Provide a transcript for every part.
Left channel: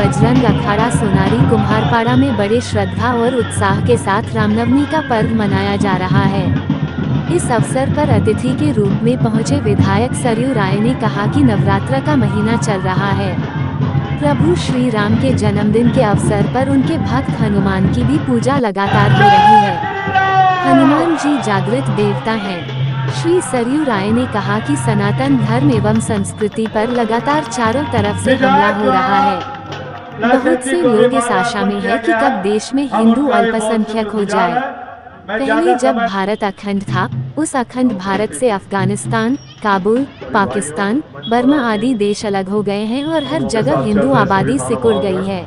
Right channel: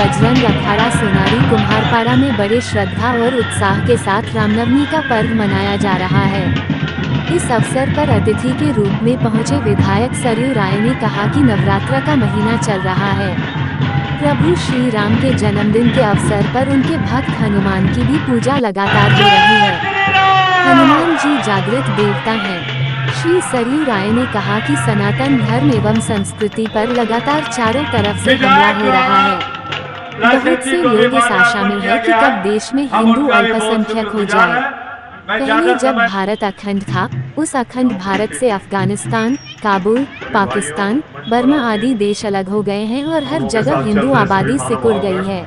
बजरंग अखाड़ा सोनारी कुम्हारपाड़ा में बड़े श्रद्धा और उत्साह के साथ रामनवमी का पर्व मनाया जा रहा है। इस अवसर पर अतिथि के रूप में पहुंचे विधायक सरयू राय ने कहा कि नवरात्र का महीना चल रहा है। प्रभु श्री राम के जन्मदिन के अवसर पर उनके भक्त हनुमान की भी पूजा लगातार हो रही है। हनुमान जी जागृत देवता हैं। श्री सरयू राय ने कहा कि सनातन धर्म एवं संस्कृति पर लगातार चारों तरफ से हमला हो रहा है। बहुत से लोग इस आशा में है कि कब देश में हिंदू अल्पसंख्यक हो जाए। पहले जब भारत अखंड था, उस अखंड भारत से अफगानिस्तान, काबुल, पाकिस्तान, बर्मा आदि देश अलग हो गए हैं और हर जगह हिंदू आबादी सिकुड़ गई है।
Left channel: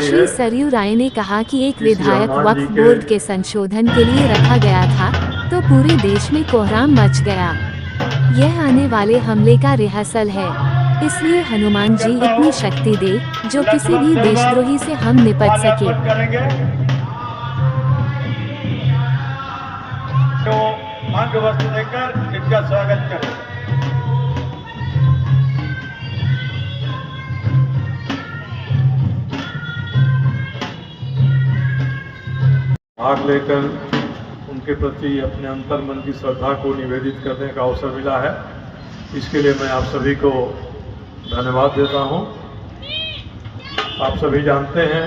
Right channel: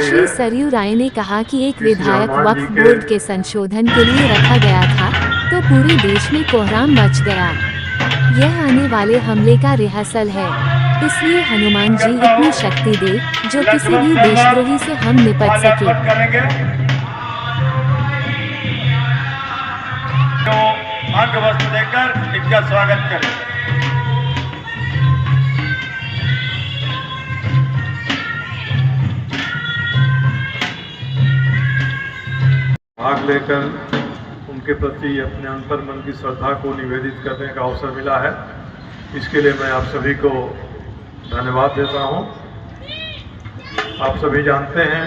श्री सरयू राय ने कहा कि एक विधायक वक्फ बोर्ड के संशोधन के लिए रखा गया था, तो पूरे देश में कोहराम मच गया। यह आने वाले हमले का रिहर्सल है, इसलिए हनुमान जी इतनी शक्ति दे जो किसी भी देशद्रोही से हम निपट सके। अंग वस्त्र देकर इनका स्वागत करें। भाग लेकर उनके प्रति अपने अंतर्मन की श्रद्धा को निवेदित करने का अवसर मिला है। इसके लिए मैं आप सभी को धन्यवाद देता हूं। आप सभी जानते हैं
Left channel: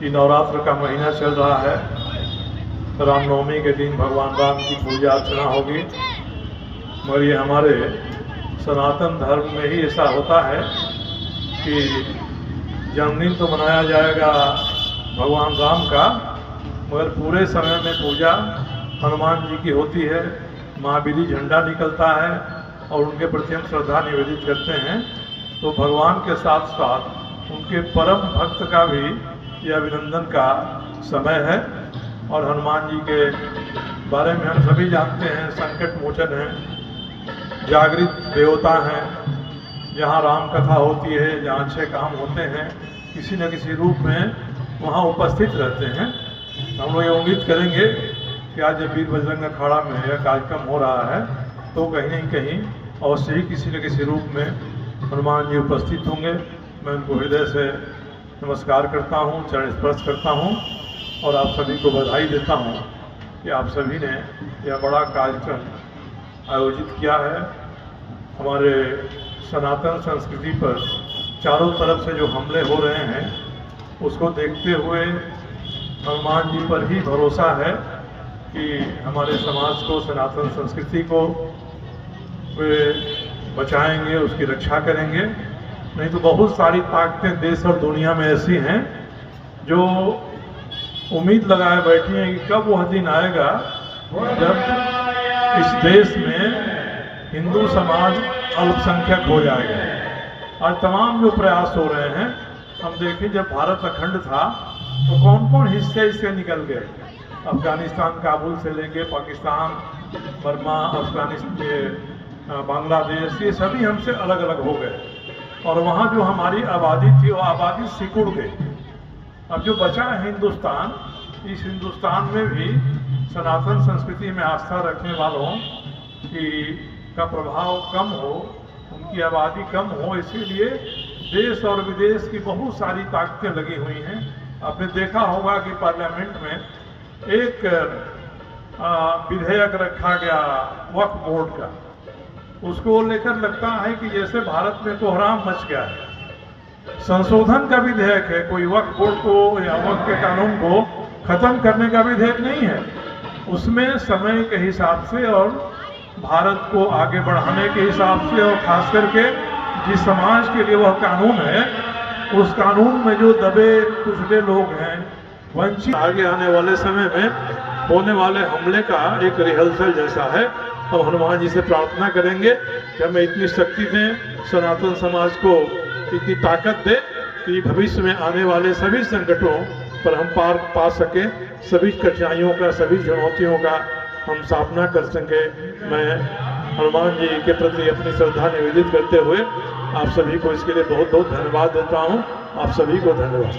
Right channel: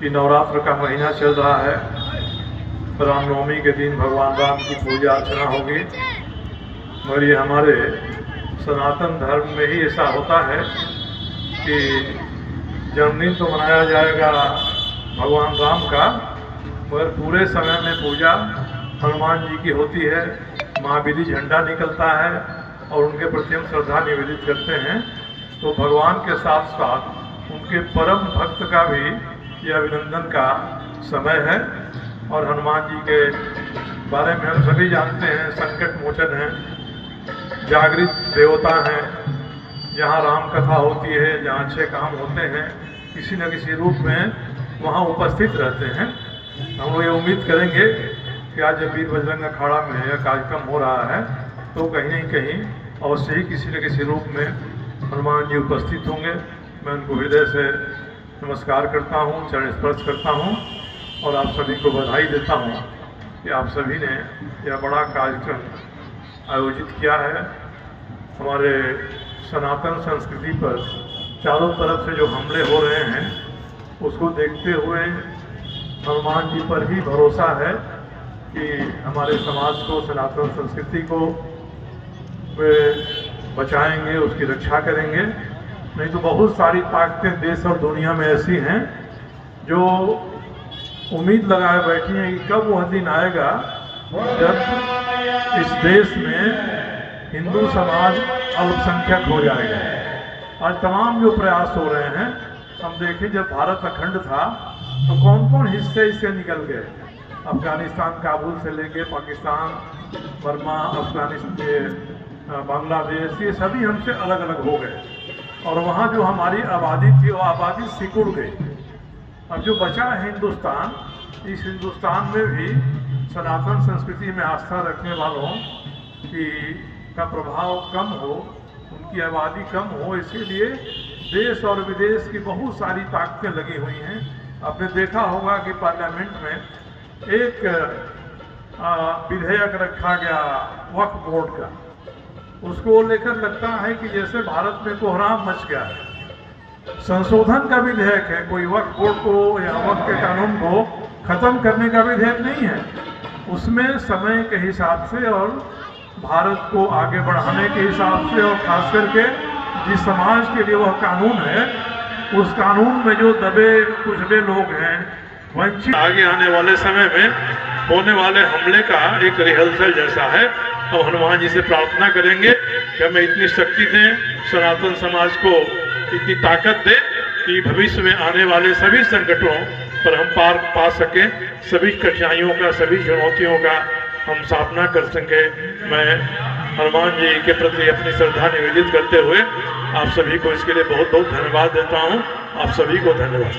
कि नवरात्र का महीना चल रहा है। रामनवमी के दिन भगवान राम की पूजा अर्चना होगी, मगर ये हमारे सनातन धर्म में ही ऐसा होता है कि जन्मदिन तो मनाया जाएगा भगवान राम का, मगर पूरे समय में पूजा हनुमान जी की होती है। महावीरी झंडा निकलता है और उनके प्रति हम श्रद्धा निवेदित करते हैं। तो भगवान के साथ साथ उनके परम भक्त का भी यह अभिनंदन का समय है। और हनुमान जी के बारे में हम सभी जानते हैं, संकट मोचन हैं, जागृत देवता हैं। जहाँ राम कथा होती है, जहाँ अच्छे काम होते हैं, किसी न किसी रूप में वहाँ उपस्थित रहते हैं। हम लोग ये उम्मीद करेंगे कि आज वीर बजरंग अखाड़ा में यह कार्यक्रम हो रहा है, तो कहीं न कहीं अवश्य ही किसी न किसी रूप में हनुमान जी उपस्थित होंगे। मैं उनको हृदय से नमस्कार करता हूँ, चरण स्पर्श करता हूँ और आप सभी को बधाई देता हूँ कि आप सभी ने यह बड़ा कार्यक्रम आयोजित किया है। हमारे सनातन संस्कृति पर चारों तरफ से जो हमले हो रहे हैं, उसको देखते हुए हनुमान जी पर ही भरोसा है कि हमारे समाज को, सनातन संस्कृति को वे बचाएंगे, उसकी रक्षा करेंगे। नहीं तो बहुत सारी ताकतें देश और दुनिया में ऐसी हैं जो उम्मीद लगाए बैठी हैं कि कब वह दिन आएगा जब इस देश में हिंदू समाज अल्पसंख्यक हो जाएगा। आज तमाम जो प्रयास हो रहे हैं, हम देखें जब भारत अखंड था तो कौन कौन हिस्से इससे निकल गए। अफगानिस्तान, काबुल से लेके पाकिस्तान, बर्मा, अफगानिस्तान, बांग्लादेश, ये सभी हमसे अलग अलग हो गए और वहाँ जो हमारी आबादी थी वो आबादी सिकुड़ गई। अब जो बचा है हिंदुस्तान, इस हिंदुस्तान में भी सनातन संस्कृति में आस्था रखने वालों का प्रभाव कम हो, उनकी आबादी कम हो, इसीलिए देश और विदेश की बहुत सारी ताकतें लगी हुई हैं। आपने देखा होगा कि पार्लियामेंट में एक विधेयक रखा गया वक्फ बोर्ड का, उसको लेकर लगता है कि जैसे भारत में कोहराम मच गया है। संशोधन का विधेयक है, कोई वक्फ बोर्ड को या वक्फ के कानून को खत्म करने का विधेयक नहीं है। उसमें समय के हिसाब से और भारत को आगे बढ़ाने के हिसाब से और खास करके जिस समाज के लिए वह कानून है, उस कानून में जो दबे कुचले लोग हैं, वंचित, आगे आने वाले समय में होने वाले हमले का एक रिहर्सल जैसा है। और हनुमान जी से प्रार्थना करेंगे कि हमें इतनी शक्ति दें, सनातन समाज को इतनी ताकत दे कि भविष्य में आने वाले सभी संकटों पर हम पार पा सकें, सभी कठिनाइयों का, सभी चुनौतियों का हम सामना कर सकें। मैं हनुमान जी के प्रति अपनी श्रद्धा निवेदित करते हुए आप सभी को इसके लिए बहुत बहुत धन्यवाद देता हूँ। आप सभी को धन्यवाद।